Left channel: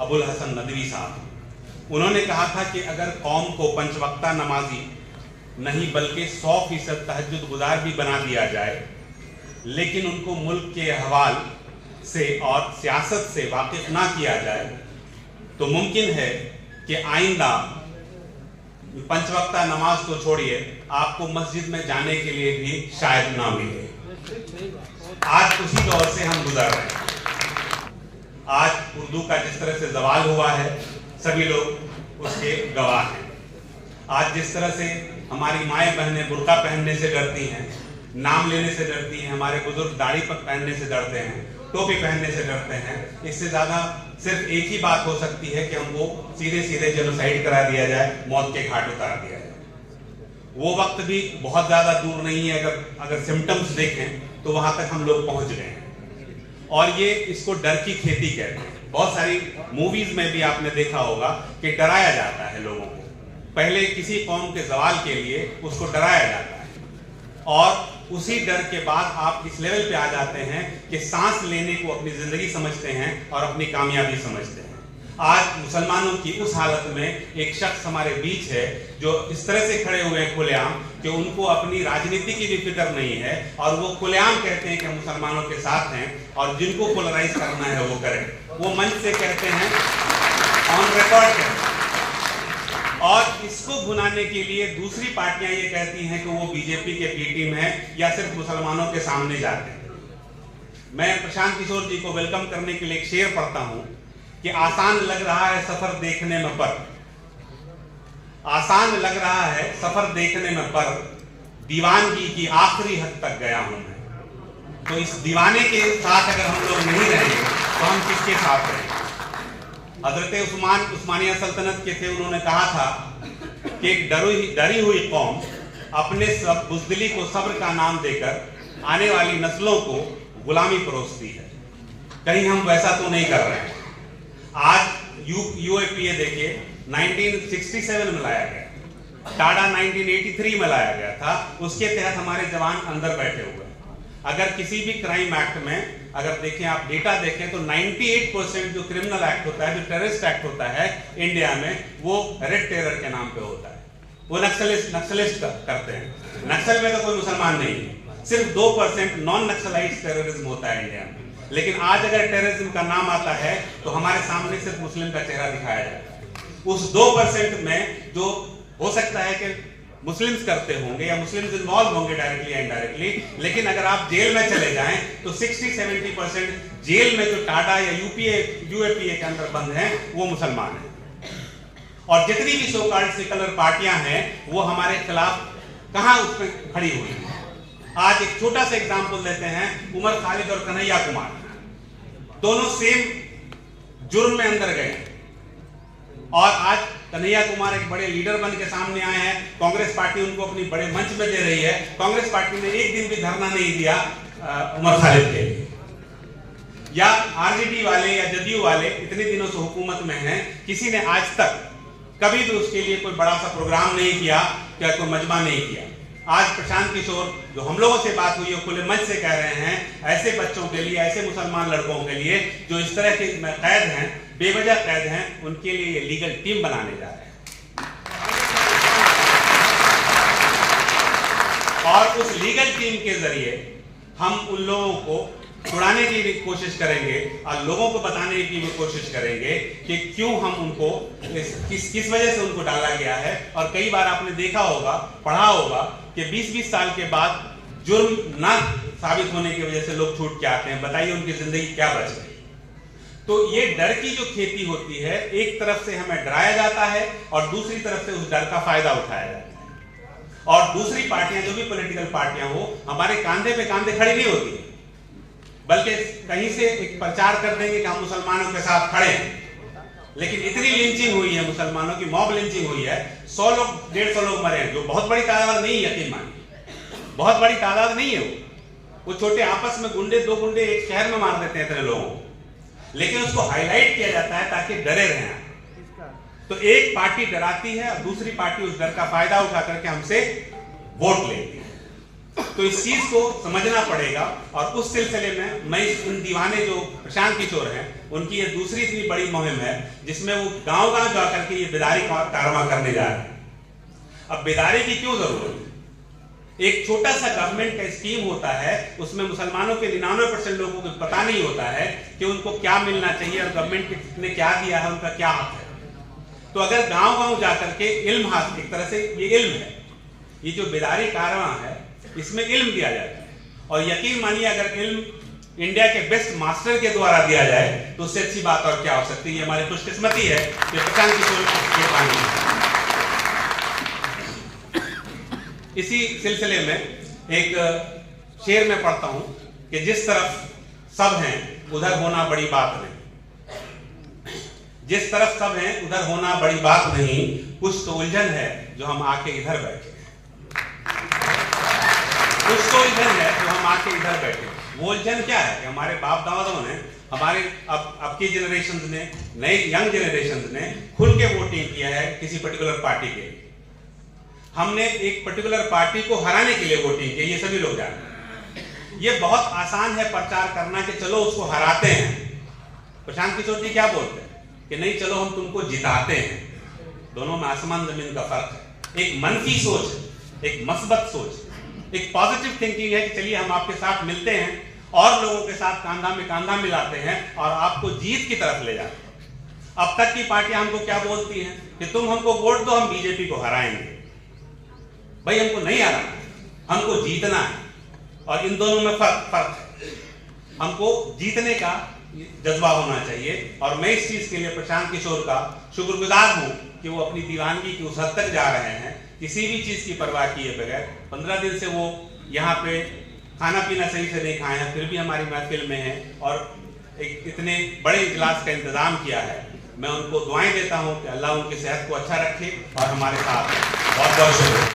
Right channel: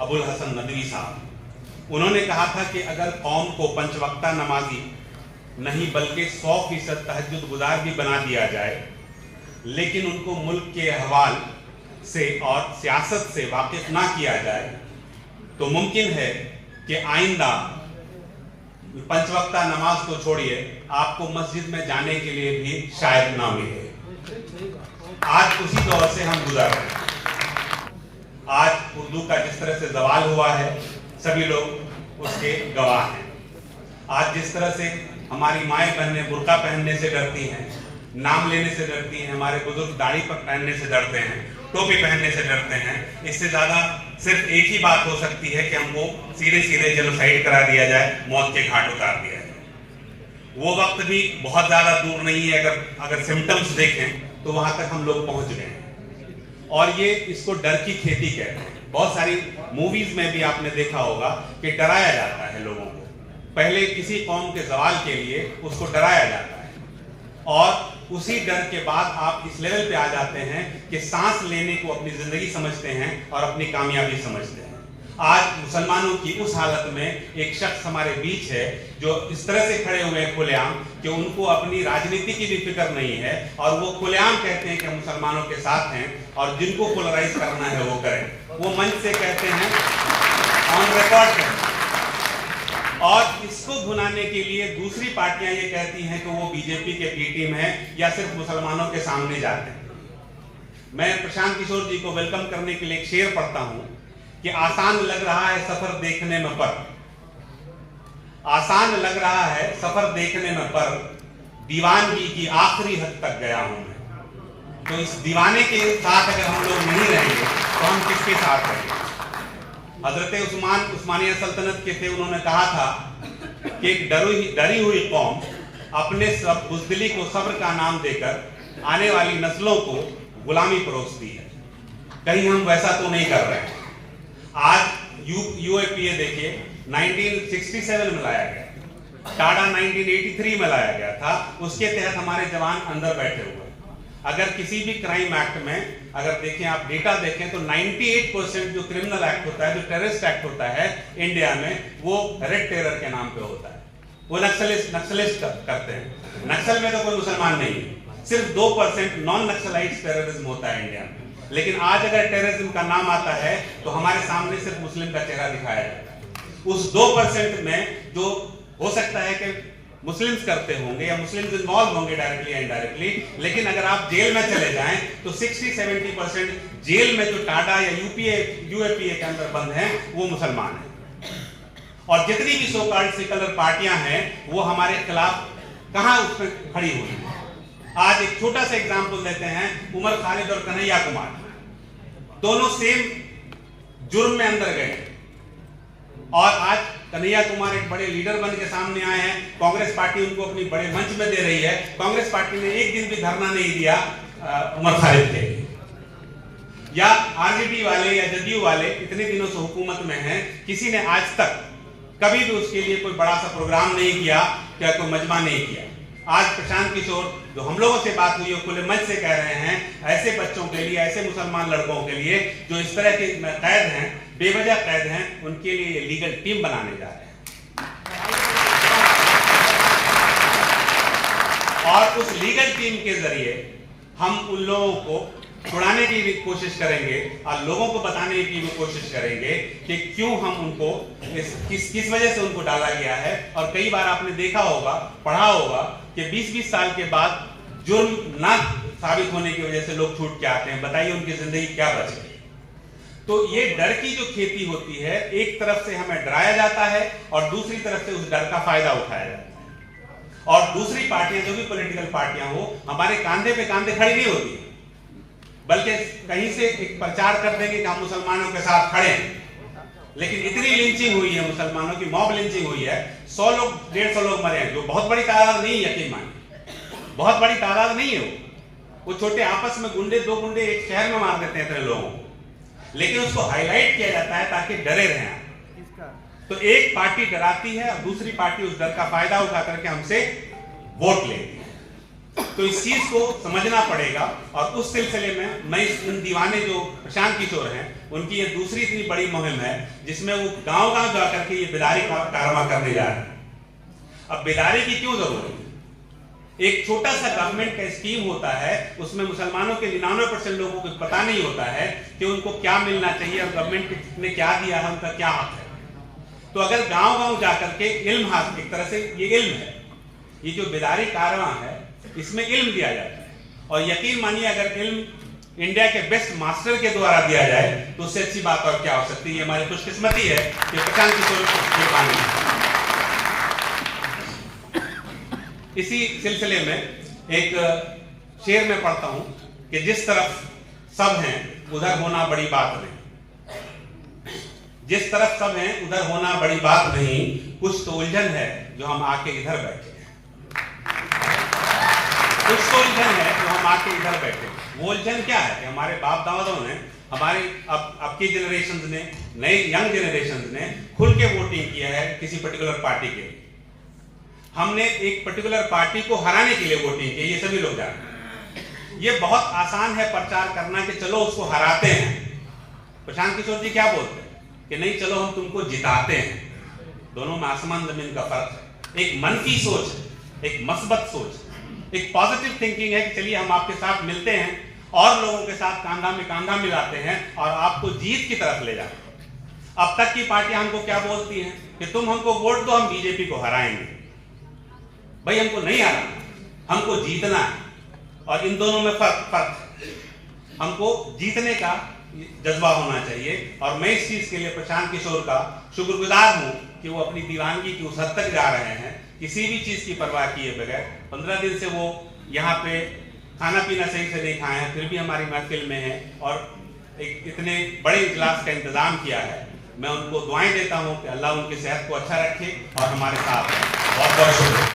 अबुल हसन नदवी साहब। उन्होंने कहा था कि अगर कौम को पंचवक्ता नमाजी नहीं बल्कि 100% तहज्जुद गुजार भी बना दिया जाए, लेकिन उनको मुल्क के अहवाल से और सियासत से वाकिफ ना किया जाए, तो मुमकिन है कि आइंदा पंचवक्ता नमाज तो छोड़िए, आपको मस्जिद में जाने के लिए भी शायद ना मिले। आज उसी दौर से हम गुजर रहे हैं। आज उर्दू का जिस तरह से जवाल हुआ है, सभी लोग उसके गवाह हैं। आज जिस तरह से हमारी माएँ बहनें बुर्का पहनने से डरती हैं, नाम लेने से डरती हैं, हमारे बुजुर्ग दाढ़ी पर पहनने से डरते हैं, टोपी पहनने से डरते हैं, इससे ज्यादा सिर्फ एक ही बात हो सकती है कि हमको सीधे सीधे जेनोसाइड करा दिया जाए, मौत के घाट उतार दिया जाए। वो वक्त भी बहुत ज्यादा दूर नहीं है। अगर सिम्टम्स देखें तो वहां तक हम लोग पहुंच गए हैं। और ये इसको डर की खेती कहते हैं। बहुत सारी मूवीज में भी आपने देखा होगा कि डराया जाता है लोगों को। पहले किसी कौम के जवाल के लिए उसको डराया जाता है, और उसी डर के बाद आप इस लेवल पे आ जाते हैं कि सांस लेने को अपनी जिंदगी समझते हैं और अपनी कामयाबी समझते हैं। आज मुसलमानों की उस हालत में एक शख्स हमारे बीच है जो इस तरह से खड़े हुए हैं खुलेआम कि उनको अपनी राजनीति की भी फिक्र नहीं है, और वो खुलेआम कहते हैं कि मुसलमानों के साथ हैं और जिनको पोलराइज करना है वो करें। वो मंच से कहते हैं, ऑन रिकॉर्ड कहते हैं। और इसको भुनाने के लिए दूसरी पार्टियां ये कहती हैं कि वो बीजेपी के बी टीम है या सिर्फ मुसलमानों के सामने जाते हैं। मैं प्रशांत किशोर जी को वेलकम करने के लिए एक शेर पढ़ता हूं कि आसान लग रहा है सफर देखने में पर, आसान लग रहा है सफर देखने में पर, दीवानगी की आखिरी हद तक गया हूं मैं। तो इस दीवाने के साथ अगर हम लोग नहीं रहेंगे तो हम किसके साथ रहेंगे? हजरत उस्मानिया सल्तनत के थे, उन्होंने कहा था कि एक डरी हुई कौम अपने सब बुज़दिली को सब्र का नाम देकर आने वाली नस्लों को गुलामी परोसती है। कहीं हम वैसा तो नहीं कर रहे हैं। आज यूएपीए देखिए 1967 में लाया गया, टाडा 1983 में लाया गया था। उसके तहत हमारे जवान अंदर बैठे हुए। अगर किसी भी क्राइम एक्ट में अगर देखें, आप डेटा देखें तो 98% जो क्रिमिनल एक्ट होता है, जो टेररिस्ट एक्ट होता है इंडिया में, वो रेड टेरर के नाम पे होता है। वो नक्सलिस्ट करते हैं। नक्सल में तो कोई मुसलमान नहीं है, सिर्फ 2% नॉन नक्सलाइट टेररिज्म होता है इंडिया में। लेकिन आज अगर टेररिज्म का नाम आता है तो हमारे सामने सिर्फ मुस्लिम का चेहरा दिखाया जाता है। उस 2% में जो हो सकता है कि मुस्लिम्स करते होंगे या मुस्लिम्स इन्वॉल्व होंगे डायरेक्टली या इनडायरेक्टली, लेकिन अगर आप जेल में चले जाएं तो 60-70% जेल में जो टाडा या यूएपीए के अंदर बंद हैं वो मुसलमान हैं। और जितनी भी सो कॉल्ड सेकुलर पार्टियां हैं वो हमारे खिलाफ कहां उसमें खड़ी हुई हैं। आज एक छोटा सा एग्जाम्पल देते हैं, उमर खालिद और कन्हैया कुमार दोनों सेम जुर्म में अंदर गए, और आज कन्हैया कुमार एक बड़े लीडर बन के सामने आए हैं। कांग्रेस पार्टी उनको अपनी बड़े मंच में दे रही है। कांग्रेस पार्टी ने एक दिन भी धरना नहीं दिया उमर खालिद के लिए। या आरजेडी वाले या जदयू वाले इतने दिनों से हुकूमत में हैं, किसी ने आज तक कभी भी उसके लिए कोई बड़ा सा प्रोग्राम नहीं किया, क्या कोई मजमा नहीं किया। आज प्रशांत किशोर जो हम लोगों से बात हुई है खुले मंच से कह रहे हैं, ऐसे बच्चों के लिए, ऐसे मुसलमान लड़कों के लिए जो इस तरह के कैद हैं, बेवजह कैद हैं, उनके लिए लीगल टीम बनाने जा रहे हैं। और उस लीगल टीम के जरिए हम उन लोगों को छुड़ाने की भी कोशिश करेंगे और लोगों को बताने की भी कोशिश करेंगे कि क्यों हम उनको किस वजह से उनको डाला गया है। और कई बार आपने देखा होगा, पढ़ा होगा कि 20-20 साल के बाद जुर्म ना साबित होने की वजह से लोग छूट के आते हैं। बताइए उनकी जिंदगी क्या बच गई। तो ये डर की जो खेती होती है, एक तरफ से हमें डराया जाता है और दूसरी तरफ से उस डर का फायदा उठाया जाता है। और दूसरी पार्टियां, जो भी पॉलिटिकल पार्टियां हो, हमारे कांधे पे कांधे खड़ी नहीं होती, बल्कि कहीं से एक प्रचार कर देंगे कि हम मुसलमानों के साथ खड़े हैं। लेकिन इतनी लिंचिंग हुई है, मुसलमानों की मॉब लिंचिंग हुई है, 100 लोग 150 लोग मरे हैं, जो बहुत बड़ी तादाद नहीं है। यकीन मानिए बहुत बड़ी तादाद नहीं है। वो छोटे आपस में गुंडे, 2 गुंडे एक शहर में मार देते हैं इतने लोगों को, लेकिन उसको हाईलाइट किया जाता है ताकि डरे रहें। तो एक पार्टी डराती है और दूसरी पार्टी उस डर का फायदा उठा करके हमसे वोट लेती है। तो इस चीज को समझना पड़ेगा। और उस सिलसिले में मैं इन दीवाने जो प्रशांत किशोर हैं उनकी ये दूसरी इतनी बड़ी मुहिम है जिसमें वो गांव गांव जाकर के ये बेदारी कारवा करने जा रहे हैं। अब बेदारी की क्यों जरूरत है? एक छोटा सा गवर्नमेंट का स्कीम होता है, उसमें मुसलमानों के 99% लोगों को पता नहीं होता है कि उनको क्या मिलना चाहिए और गवर्नमेंट ने क्या दिया है, उनका क्या हक है। तो अगर गांव गांव जाकर के इल्म हासिल, एक तरह से ये इल्म है, ये जो बेदारी कारवां है इसमें इल्म दिया जाता है। और यकीन मानिए अगर इल्म इंडिया के बेस्ट मास्टर के द्वारा दिया जाए तो उससे अच्छी बात और क्या हो सकती है। ये हमारी खुशकिस्मती है कि प्रशांत किशोर के पानी। इसी सिलसिले में एक शेर में पढ़ता हूं कि जिस तरफ सब हैं उधर होना बड़ी बात नहीं, जिस तरफ सब हैं उधर होना बड़ी बात नहीं, कुछ तो उलझन है जो हम आके इधर बैठे हैं, कुछ तो उलझन है जो हम आके इधर बैठे हैं। वो उलझन क्या है कि हमारे बाप दादाओं ने, हमारे अब की जनरेशन ने, नए यंग जनरेशन ने खुल के वोटिंग किया है किसी पर्टिकुलर पार्टी के लिए। हमने एक पर्टिकुलर पार्टी को हराने के लिए वोटिंग की, ये सभी लोग जानते हैं। ये बहुत आसान है प्रचार करना कि चलो उसको हराते हैं। प्रशांत किशोर जी क्या बोलते हैं कि नहीं चलो हम तुमको जिताते हैं। दोनों में आसमान जमीन का फर्क है। एक मनफी सोच है, एक मस्बत सोच, एक पॉजिटिव थिंकिंग है कि चलिए हम आपके साथ मिलते हैं और लोगों के साथ कांधा में कांधा मिलाते हैं और आपको जीत की तरफ ले जाते हैं। अब तक की पार्टियां हमको क्या बोलती हैं कि तुम हमको वोट दो, हम बीजेपी को हराएंगे। भाई हमको नहीं हराना, हमको जीतना है। और इन दोनों में फर्क है। हमको जीतने का जज्बा होना चाहिए। और मैं इस चीज के लिए प्रशांत किशोर का शुक्रगुजार हूं कि वो अपनी दीवानगी की उस हद तक जा रहे हैं, किसी भी चीज की परवाह किए बगैर। 15 दिन से वो यहाँ पे खाना पीना सही से नहीं खाए हैं, फिर भी हमारी महफिल में है और एक इतने बड़े इजलास का इंतजाम किया है। मैं उनको दुआएं देता हूं कि अल्लाह उनकी सेहत को अच्छा रखे और हमारे साथ है। बहुत बहुत शुक्रिया।